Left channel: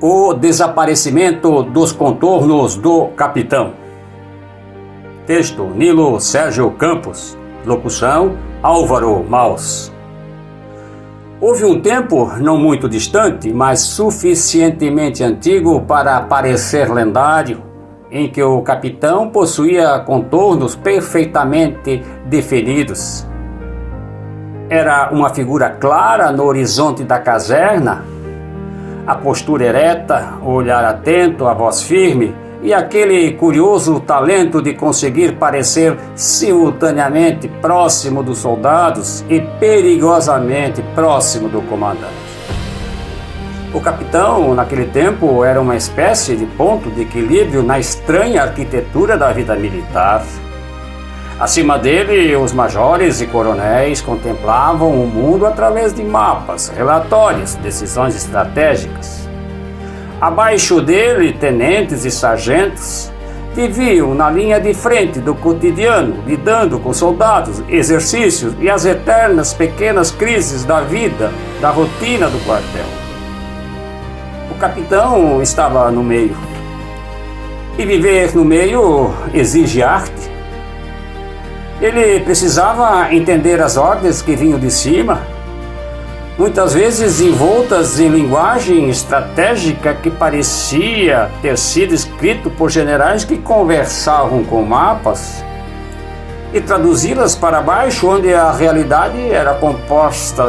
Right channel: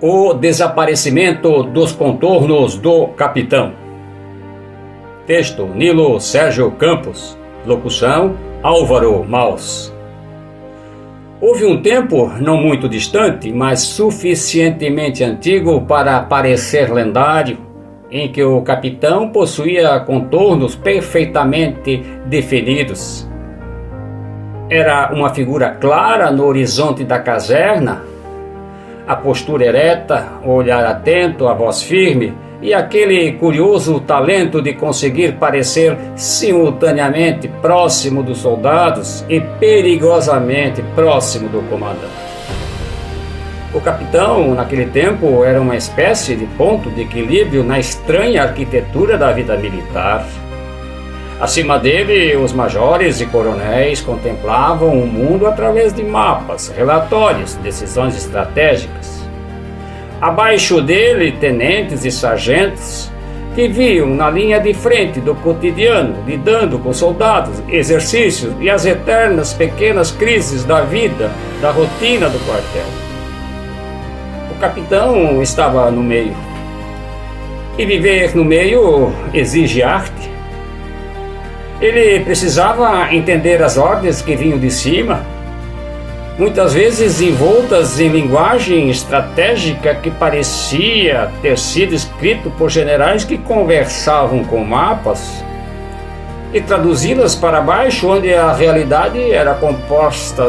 O desaparecimento dos contornos do capitão. Texto: Nilo Sérgio Campos. Locução: Álvaro Maus. Houve um tempo, não muito distante, mas suficientemente antigo para parecer lendário, em que o capitão possuía contornos perfeitamente definidos. Era uma figura clara no horizonte da caserna, a postura ereta, o olhar atento, a voz firme e aquele curioso talento de conseguir parecer simultaneamente próximo dos soldados e perigosamente próximo do comandante. O capitão, naquele tempo, era uma espécie de ponto de equilíbrio na estranha arquitetura da vida militar. Acima dele, os majores e coronéis contemplavam o mundo através de mapas, relatórios, decisões estratégicas. Abaixo dele, tenentes e sargentos viviam na linha de frente do cotidiano, lidando com soldados, exercícios e as eternas pequenas crises da vida, da rotina do quartel. O capitão estava no meio. E viver no meio exige arte. Ele precisava entender as ordens que vinham de cima, muitas vezes envoltas em linguagem estratégica que parecia ter sido escrito por generais que conversavam com mapas, e traduzi-las para baixo, onde a realidade era composta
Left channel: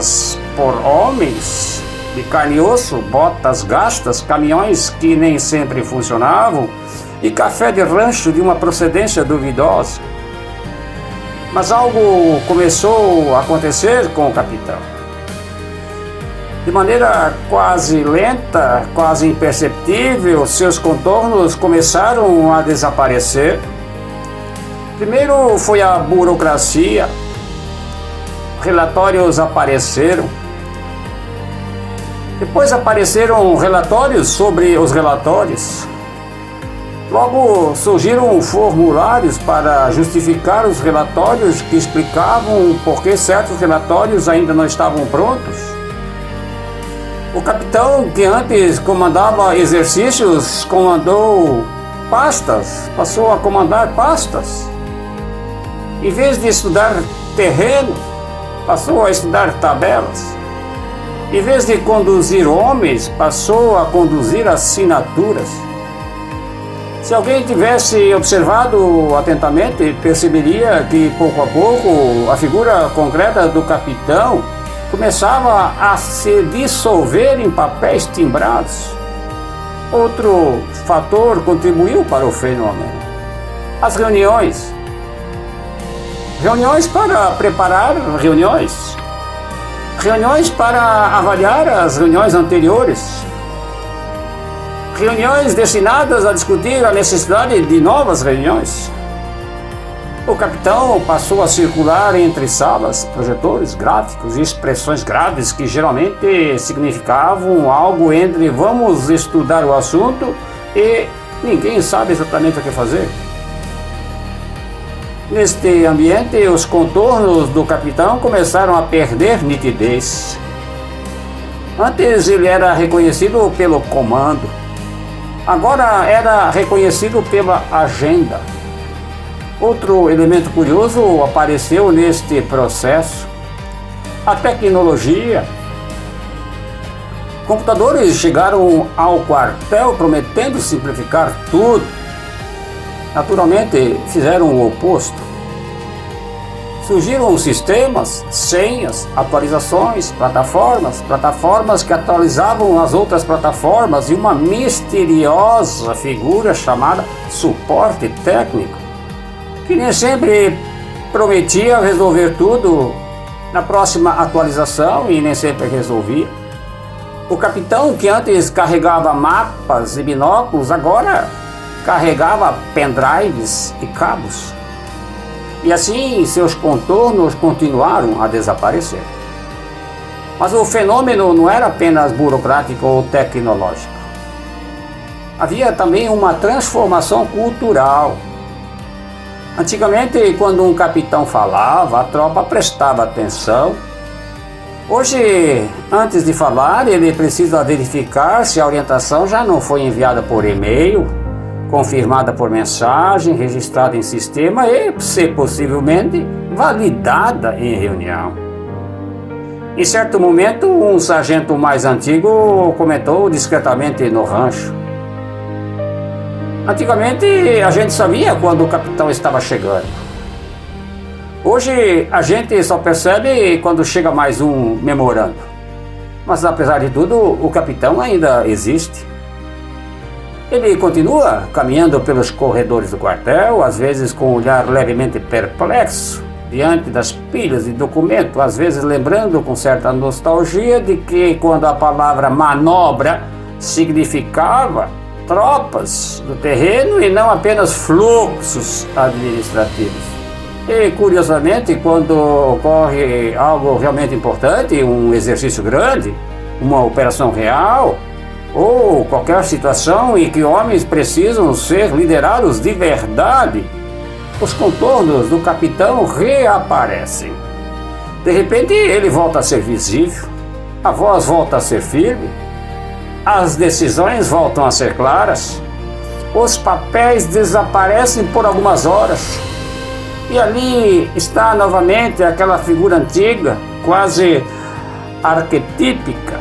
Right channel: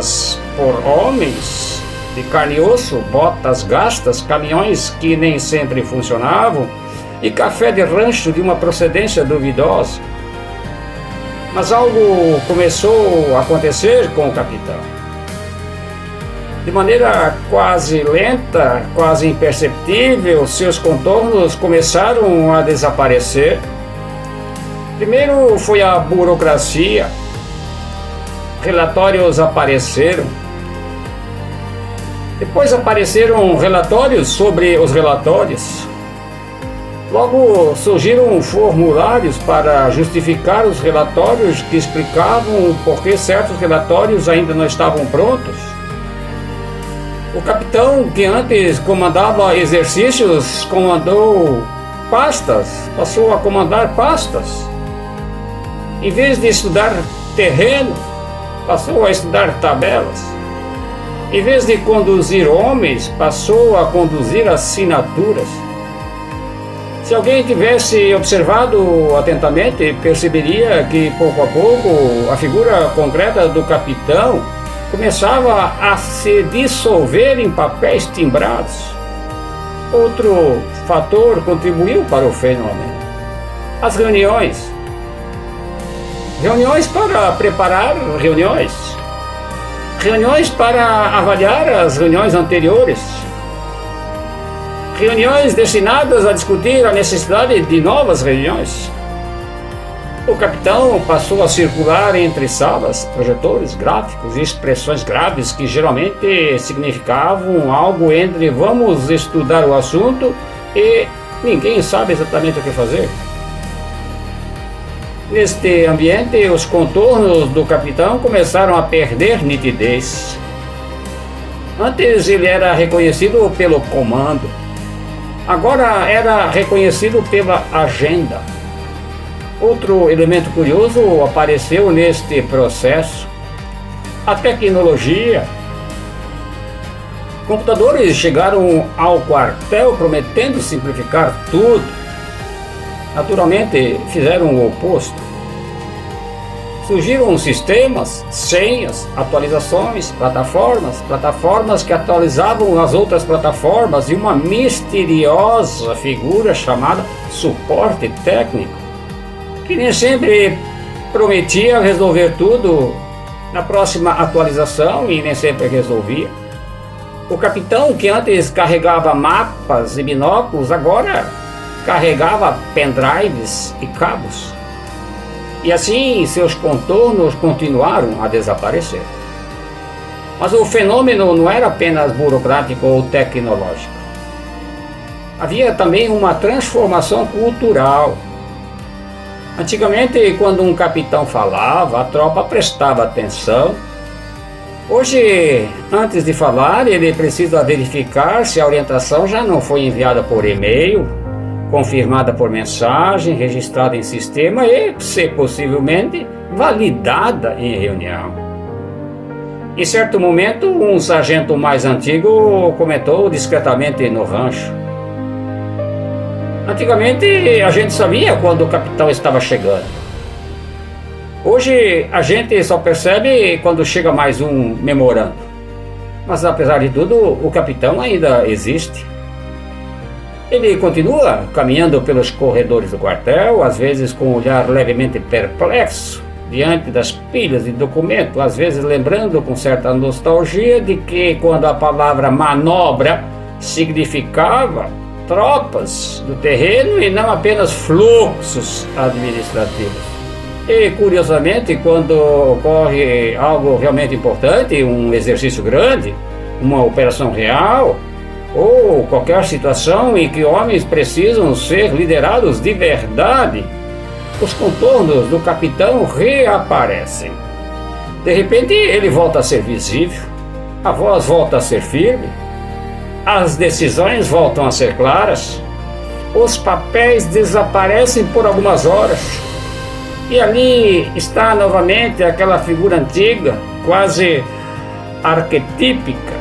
por homens de carne e osso, botas gastas, caminhões que nem sempre funcionavam e café de rancho de uma procedência duvidosa. Mas algo começou a acontecer com o capitão. De maneira quase lenta, quase imperceptível, seus contornos começaram a desaparecer. Primeiro foi a burocracia. Relatórios apareceram. Depois apareceram relatórios sobre os relatórios. Logo surgiram formulários para justificar os relatórios que explicavam por que certos relatórios ainda não estavam prontos. O capitão, que antes comandava exercícios, passou a comandar pastas. Em vez de estudar terreno, passou a estudar tabelas. Em vez de conduzir homens, passou a conduzir assinaturas. Se alguém tivesse observado atentamente, perceberia que pouco a pouco a figura concreta do capitão começava a se dissolver em papéis timbrados. Outro fator contribuiu para o fenômeno: as reuniões. Reuniões para preparar reuniões. Reuniões para avaliar as reuniões anteriores. Reuniões destinadas a discutir a necessidade de novas reuniões. O capitão passou a circular entre salas, projetores, gráficos e expressões graves que geralmente significavam algo entre vamos estudar o assunto e ninguém sabe exatamente o que fazer. Neste ambiente, os contornos do capitão começaram a perder nitidez. Antes ele era reconhecido pelo comando. Agora era reconhecido pela agenda. Outro elemento curioso apareceu neste processo: a tecnologia. Computadores chegaram ao quartel prometendo simplificar tudo. Naturalmente, fizeram o oposto. Surgiram sistemas, senhas, atualizações, plataformas que atualizavam as outras plataformas e uma misteriosa figura chamada suporte técnico, que nem sempre prometia resolver tudo na próxima atualização e nem sempre resolvia. O capitão, que antes carregava mapas e binóculos, agora carregava pendrives e cabos. E assim seus contornos continuaram a desaparecer. Mas o fenômeno não era apenas burocrático ou tecnológico. Havia também uma transformação cultural. Antigamente, quando um capitão falava, a tropa prestava atenção. Hoje, antes de falar, ele precisa verificar se a orientação já não foi enviada por e-mail, confirmada por mensagem, registrada em sistema e, se possivelmente, validada em reunião. Em certo momento, um sargento mais antigo comentou discretamente no rancho: antigamente a gente sabia quando o capitão estava chegando. Hoje a gente só percebe quando chega mais um memorando. Mas apesar de tudo, o capitão ainda existe. Ele continua caminhando pelos corredores do quartel, às vezes com um olhar levemente perplexo diante das pilhas de documentos, às vezes lembrando com certa nostalgia de que quando a palavra manobra significava tropas do terreno e não apenas fluxos administrativos. E, curiosamente, quando ocorre algo realmente importante, um exercício grande, uma operação real, ou qualquer situação em que homens precisam ser liderados de verdade, os contornos do capitão reaparecem. De repente, ele volta a ser visível, a voz volta a ser firme, as decisões voltam a ser claras, os papéis desaparecem por algumas horas. E ali está novamente aquela figura antiga, quase arquetípica,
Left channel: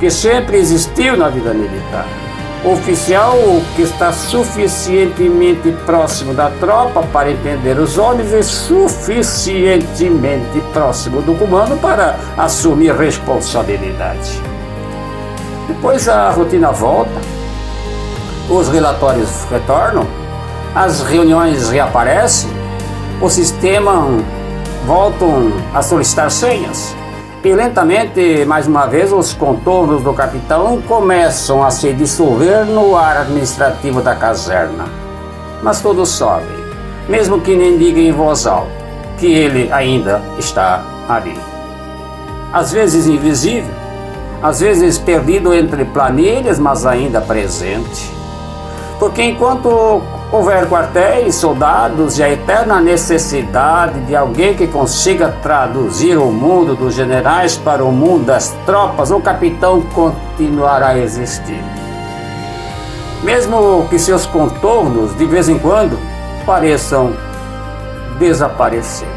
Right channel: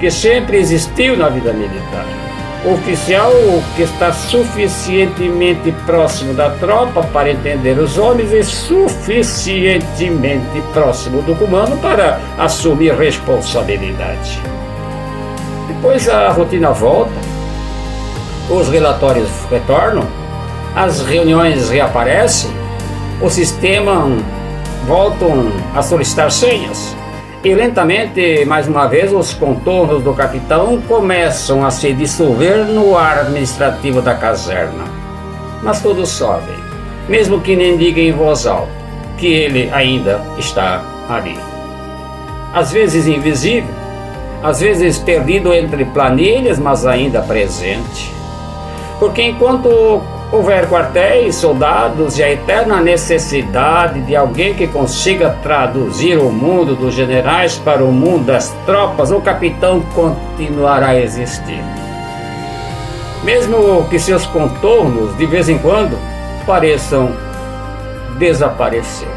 que sempre existiu na vida militar. O oficial que está suficientemente próximo da tropa para entender os homens e suficientemente próximo do comando para assumir responsabilidade. Depois a rotina volta, os relatórios retornam, as reuniões reaparecem, o sistema voltam a solicitar senhas e lentamente, mais uma vez, os contornos do capitão começam a se dissolver no ar administrativo da caserna. Mas todos sabem, mesmo que nem diga em voz alta, que ele ainda está ali. Às vezes invisível, às vezes perdido entre planilhas, mas ainda presente. Porque enquanto houver quartéis, soldados e a eterna necessidade de alguém que consiga traduzir o mundo dos generais para o mundo das tropas, o capitão continuará a existir. Mesmo que seus contornos, de vez em quando, pareçam desaparecer.